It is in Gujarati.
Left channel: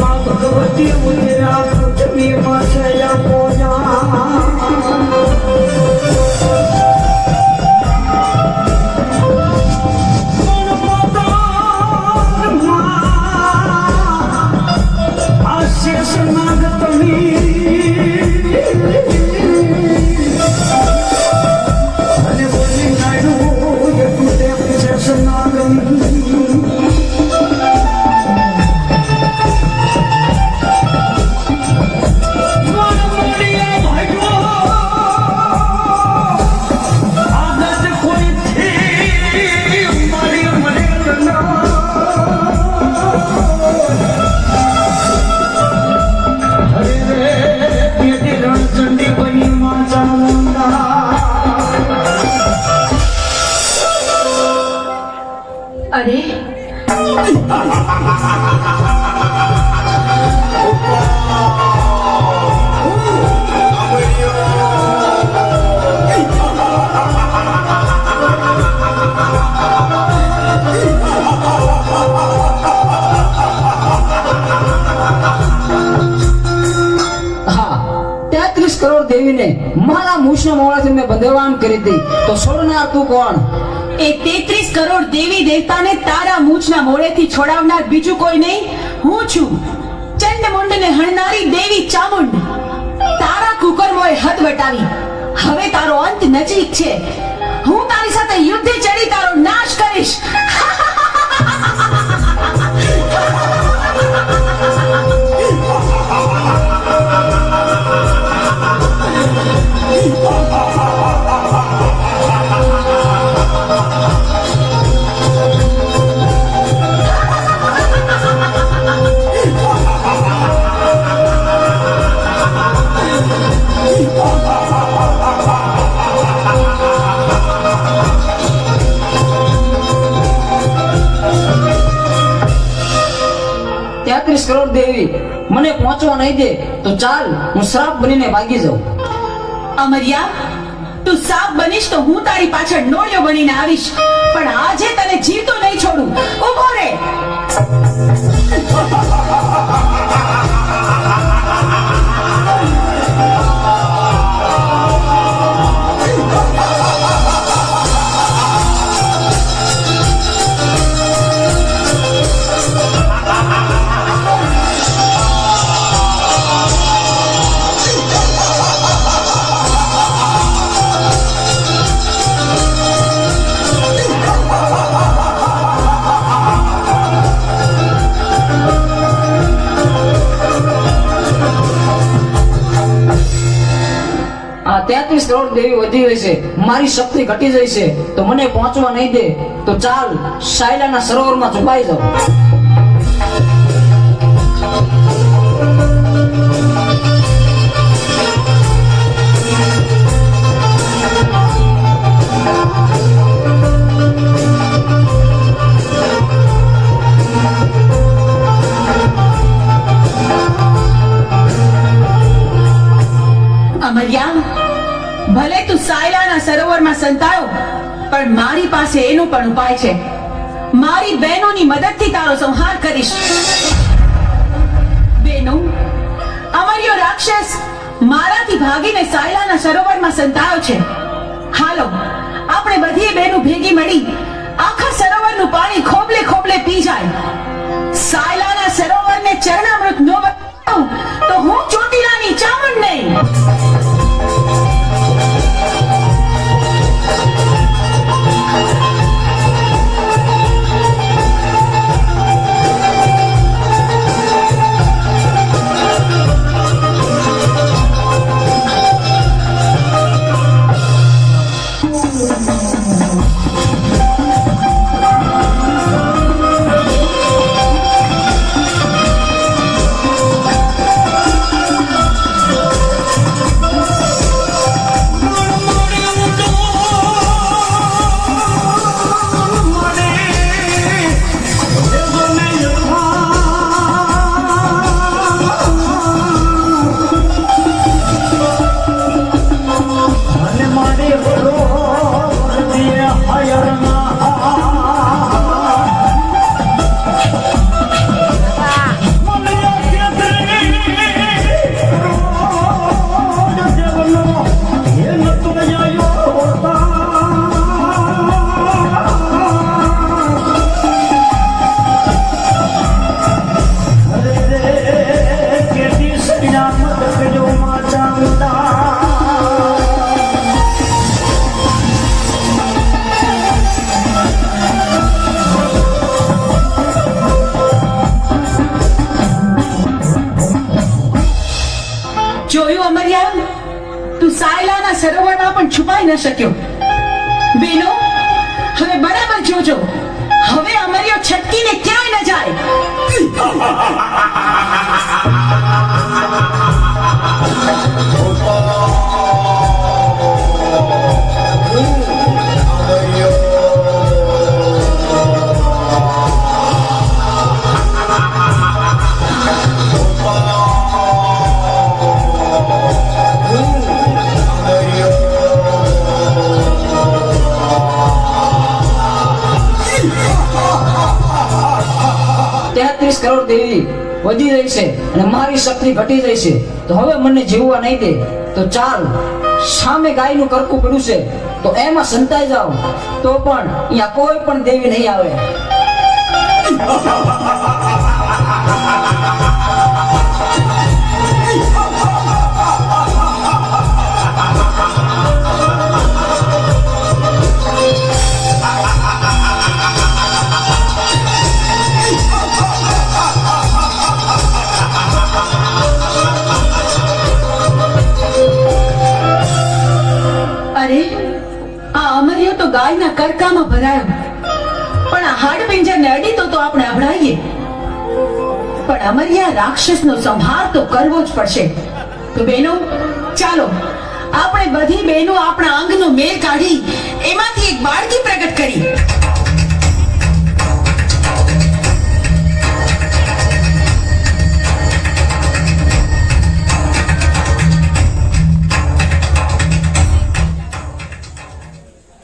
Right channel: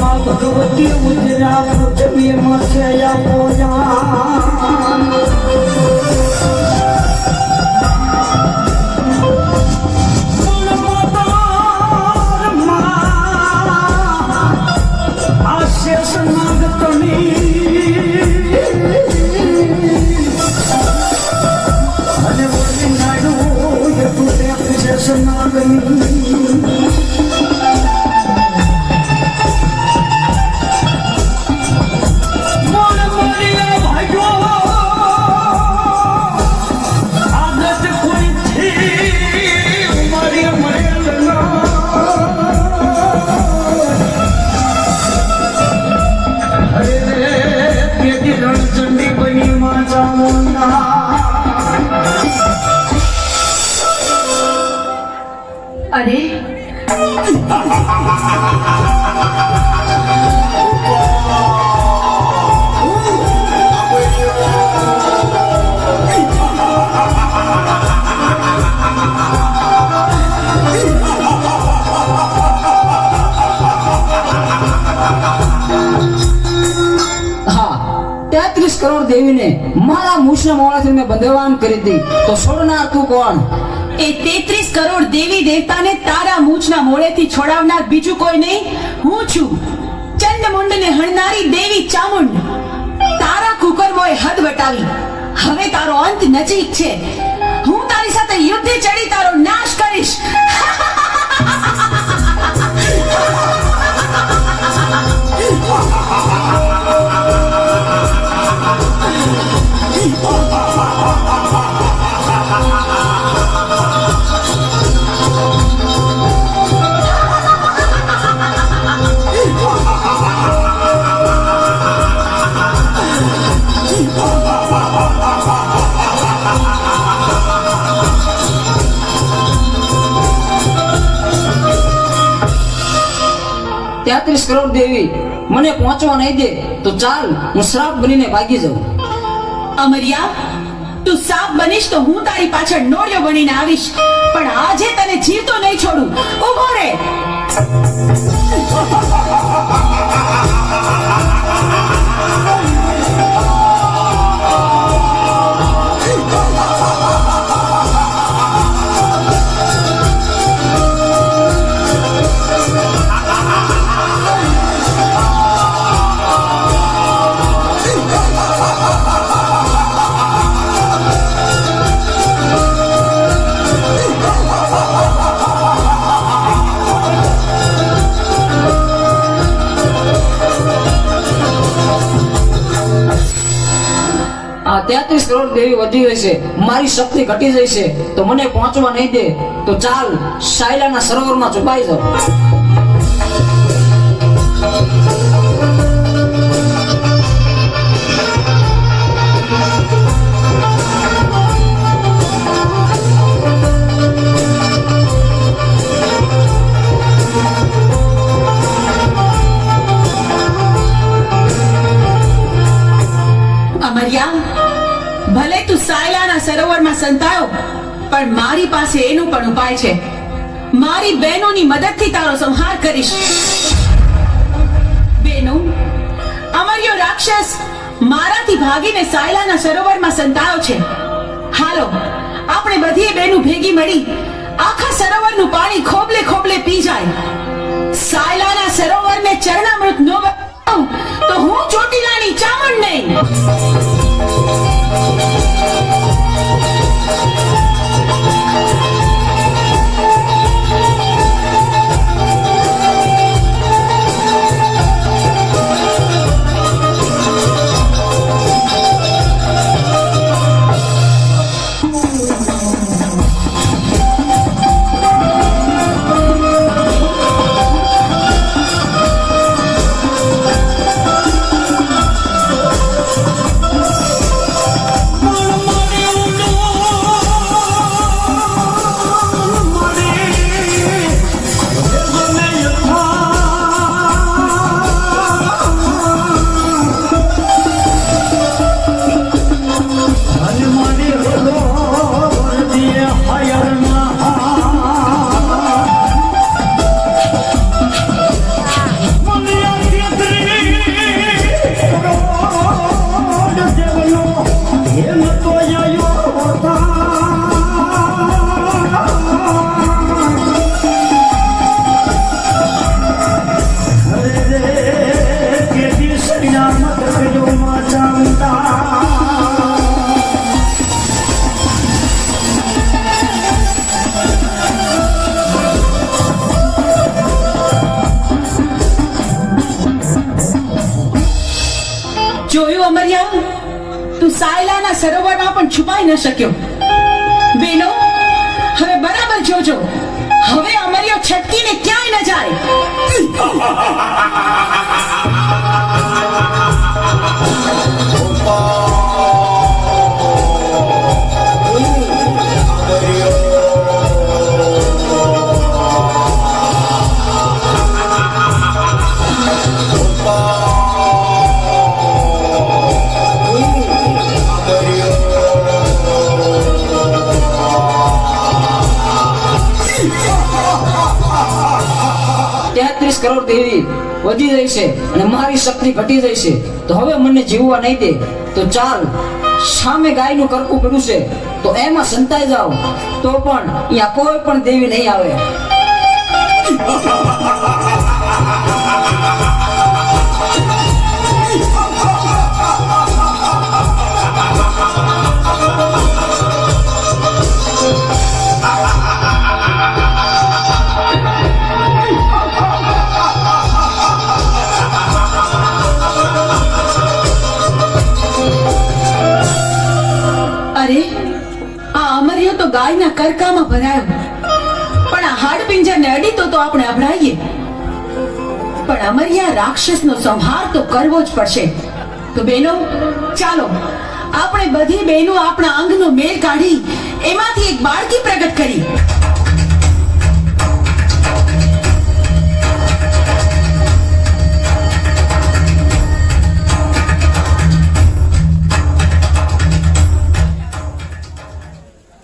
ભગવતી ઉજરા પૃથ્વી માં છયા પોજા કરોડ દેવીને મારા મૂછના મોડાથી મેં બંધવાન કરી દી તો છોડનાર તું કોણ? એ 33 કરોડ દેવી દેવતાને તારા મૂછના મોડેથી છોડાવનાર બીજું કોઈ નહીં, હું છું ચંડમુંડને હણનારી દેવી ચામુંડ. તારા કુકર્મોએ હદ વટાવી, હવે તારો અંત નજીક છે. હું તારી સાથે યુદ્ધે ચડી તારો નાશ કરીશ. કરોડ દેવી મને પહોંચવા નહીં દે તો ચાલ હું શ્રાપ બનીને ભાગી જાઉં. અમરિયા, તું સાપ બનીશ તો હું તારી પાછળ નોળિયો બનીને આવીશ, પણ આજે તને જીવતો નહીં છોડું. ઉભો રે. કરોડ દેવી વધી રહેશે, મારી શક્તિ ઘટી જશે તો મને પહોંચવા નહીં દે તો ચાલ શાયલાના સરોવરમાં છુપાઈ જાઉં. ભલે તું સાયલાના સરોવરમાં સંતાયો, પણ મારી પાસે એનો પણ ઉપાય છે. મારી બહેનોની મદદથી તારો સંહાર કરીશ. બહેનો, અમર્યો રાક્ષસ મારાથી ભાગીને સાયલાના સરોવરમાં સંતાયો છે. હાલો, આપણે બધી બહેનો ભેગી મળી આખા સરોવરનું પાણી ખોબલે ખોબલે પી જાય. સાયલાના સરોવરને ચરણામૃત ન બનાવું તો હું ચોટીલાની ચામુંડ નહીં. જોયું અમરિયા, તું સાયલાના સરોવરમાં પણ છુપાઈ ન શક્યો. બેનો, હવે બરાબર જોજો, હવે અમરિયો છટકીને ક્યાંય ન જાય. તેત્રીસ કરોડ દેવી વધી રહી છે અને મારી શક્તિ ઘટી રહી છે. તો હવે મને જીવવા નહીં દે. તો ચાલ, સામે ગાયનું કરકું પડ્યું છે તો એમાં સંતાઈ જાઓ, તો પણ અહીંયા કોઈ પણ દેવી નહીં આવે. અરે, આ અમરિયો તો ગાયના કરકામાં ભરાયો, પણ આ હાડપિંજરને અડીતો તો આપણે અભડાઈએ. પણ અમરિયા રાક્ષસનો સંહાર તો કરવો જ પડશે. તો બેનો, ચાલો આપણે બધી બહેનો આપણા અંગનો મેળ કાઢી એમાંથી એક બાળકી પ્રગટ કરી